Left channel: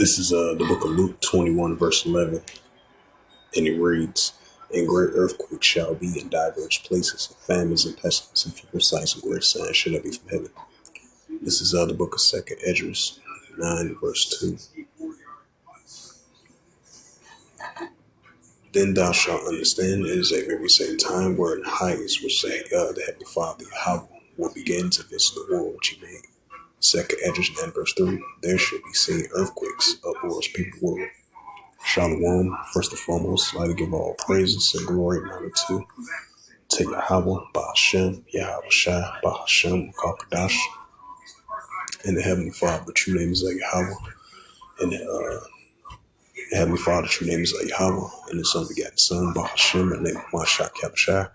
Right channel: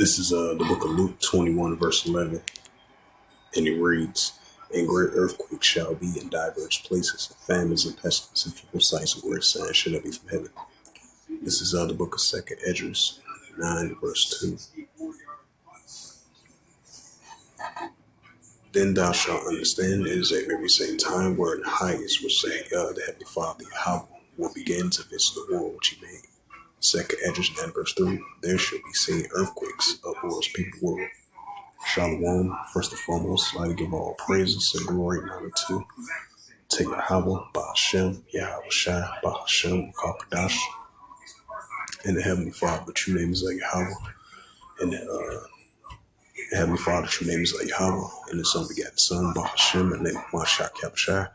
This is the book of Luke 21, verse 11, and it reads, "And great earthquakes shall be in diverse places, and famines and pestilence, and people sights and great signs shall be from heaven." This is the book of Second Esdras 9, verse 2. Then thou shalt understand it is a very same time where in highest which the Heavenly Father Yahweh will begin to visit the world which he made. Second Esdras 9, verse 3. There should be seen earthquakes, uproars, people world. Shalom. First and foremost, I'd like to give all praises and glory and honor to Yahweh, Bahashem, Yahweh Shai, Bahashem, Kakadash, and the Heavenly Father. The true name is Yahweh, and the Heavenly Father, the true name is Yahweh, and the Son begat the Son, Bahashem, and the name of Mashak Kabashai.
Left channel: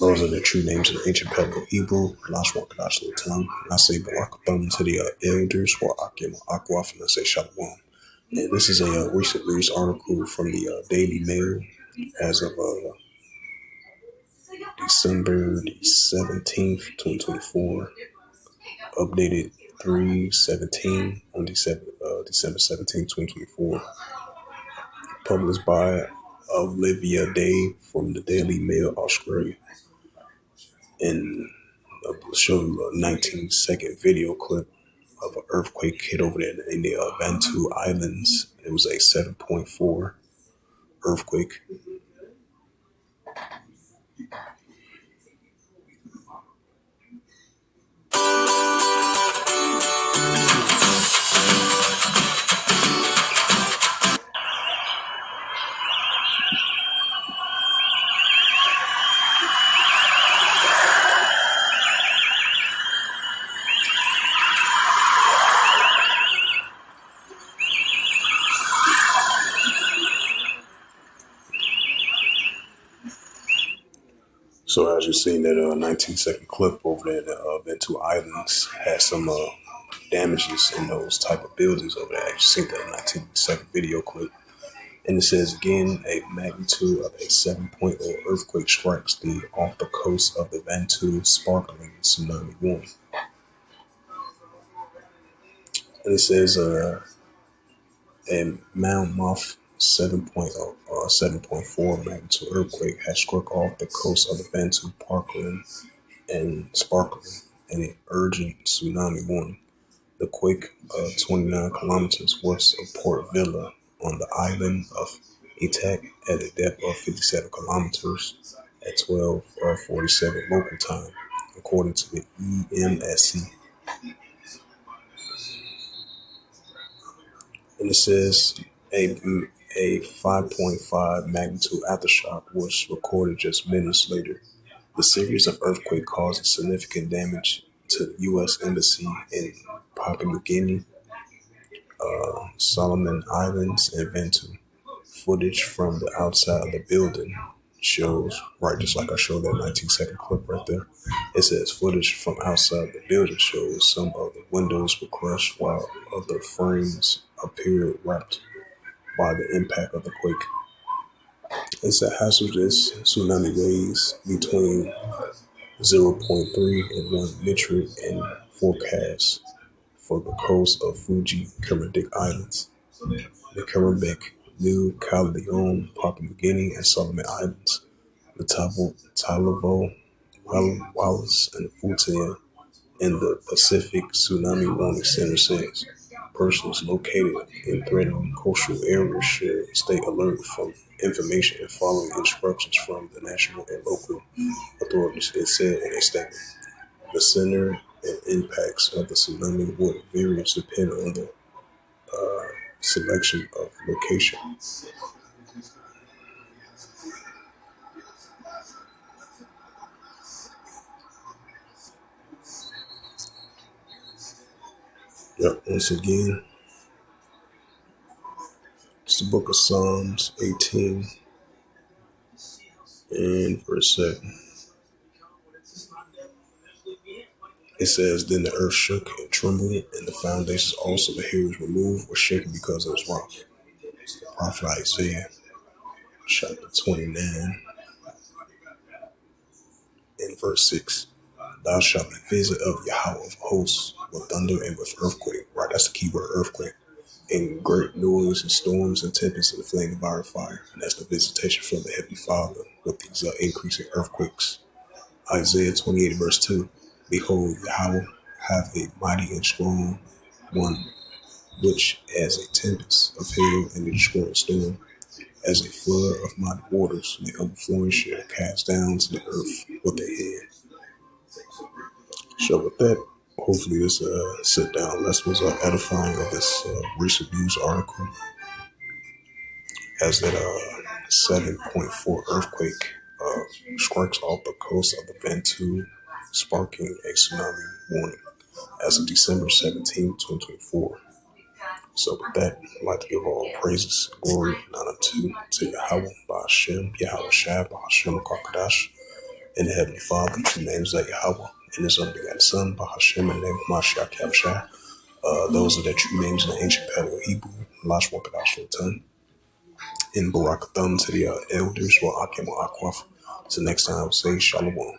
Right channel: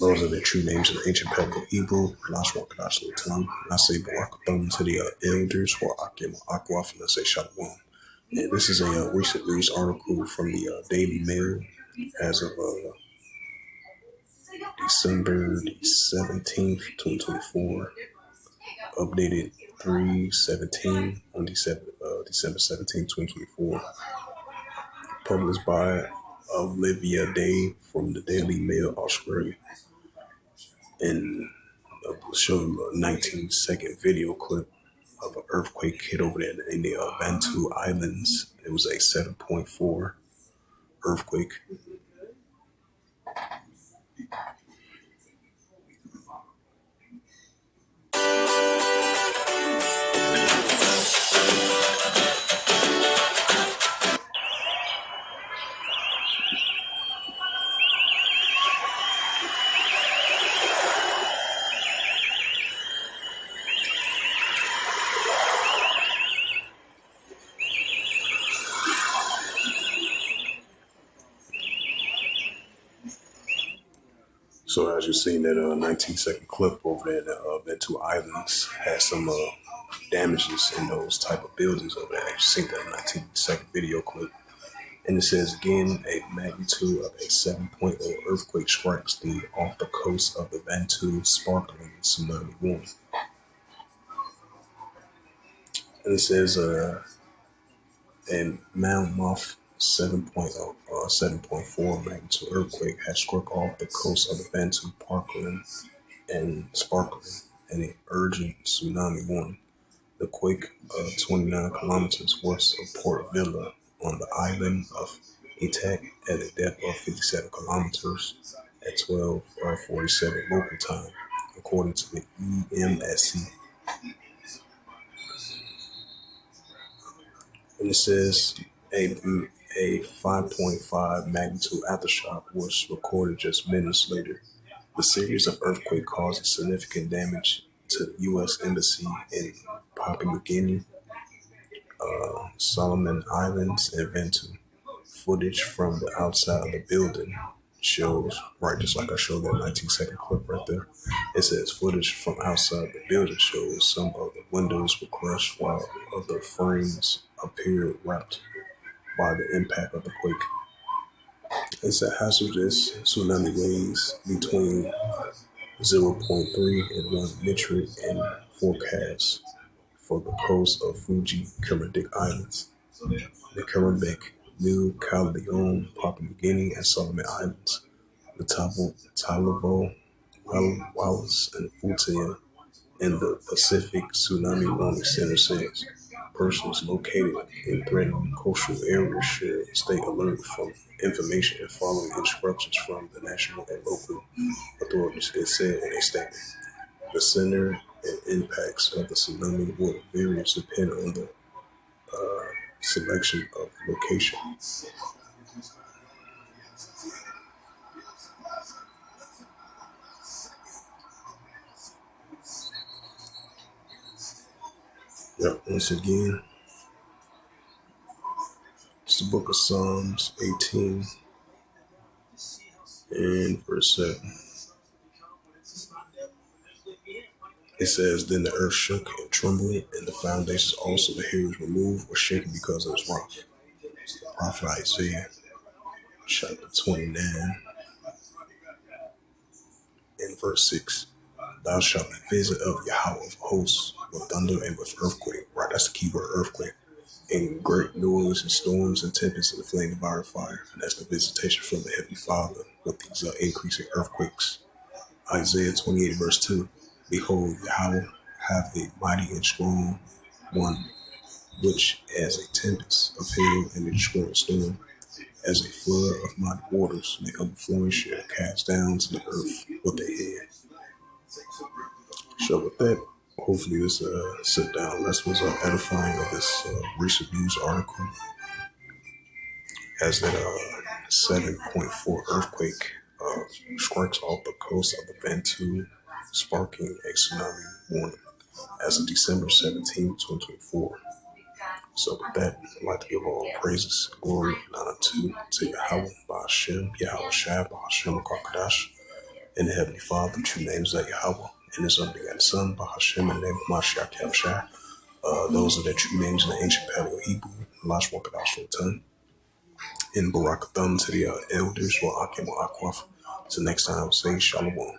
Those are the true names in the ancient Biblical Hebrew, Lashwa Kadash Lutam. And I say Barakatham to the elders, or Akim Akwaf, and I say Shalom. And this is a recent news article from the Daily Mail as of December the 17th, 2024, updated 3/17 on December 17th, 2024, published by Olivia Day from the Daily Mail, Australia, and showed a 19-second video clip of an earthquake hit over there in the Vanuatu Islands. It was a 7.4 earthquake. So as you've seen, that 19-second clip over there in the Vanuatu Islands had some damages in those type of buildings over there. You've seen that 19-second video clip. And it says again, a magnitude of a 7.0 earthquake strikes off the coast of the Vanuatu, sparkling tsunami warning. And it says a Mount Muff 7.4 magnitude earthquake has struck off the coast of the Vanuatu, sparkling, and an urgent tsunami warning. The quake, 29 kilometers west of Port Vila on the island of Itak at a depth of 57 kilometers at 12:47 local time, according to the EMSC. And it says a 5.5 magnitude aftershock was recorded just minutes later. The series of earthquakes caused significant damage to the U.S. Embassy in Papua New Guinea, Solomon Islands, and Vanuatu. Footage from the outside of the building shows, right, just like I showed that 19-second clip right there. It says footage from outside the building shows some of the windows were crushed while other frames appeared wrapped by the impact of the quake. It's a hazardous tsunami waves between 0.3 and 1 metric in forecast for the coast of Fuji Kermadec Islands, the Kermadec, New Caledonia, Papua New Guinea, and Solomon Islands. The Talavo, Wallis, and Futia in the Pacific Tsunami Warning Center says persons located in threatened coastal areas should stay alert from information and following instructions from the national and local authorities, it said in a statement. The center and impacts of the tsunami would vary depending on the selection of location. Yep, once again, it's the book of Psalms 18 and verse 7. It says, "Then the earth shook and trembled, and the foundations also the hills removed were shaken because of its wrath." It's the prophet Isaiah, chapter 29 and verse 6. "Thou shalt be visit of Yahweh of hosts with thunder and with earthquake." Right, that's the key word, earthquake. and great noise and storms and tempests and the flame devouring fire. And that's the visitation from the Heavenly Father with these increasing earthquakes. Isaiah 28 verse 2. Behold, Yahweh hath a mighty and strong one, which as a tempest of hail and a destroying storm, as a flood of mighty waters, and the overflowing shall cast down to the earth with a head. So with that, hopefully this sit down lesson was edifying of this recent news article as that 7.4 earthquake strikes off the coast of the Vanuatu, sparking a tsunami warning as of December 17, 2024. So with that, I'd like to give all praises, glory, and honor to Yahweh, Ba'ashem, Yahweh Shai, Ba'ashem, Kakadash, and the Heavenly Father, true names that Yahweh, and His unbegotten Son, Ba'ashem, in the name of Mashiach Yahushua. Those are the true names in the ancient Paleo Hebrew, Lash Wakadash Lotan, and Barakatham to the elders, Wa Akim Wa Akwaf. So next time, I will say Shalom.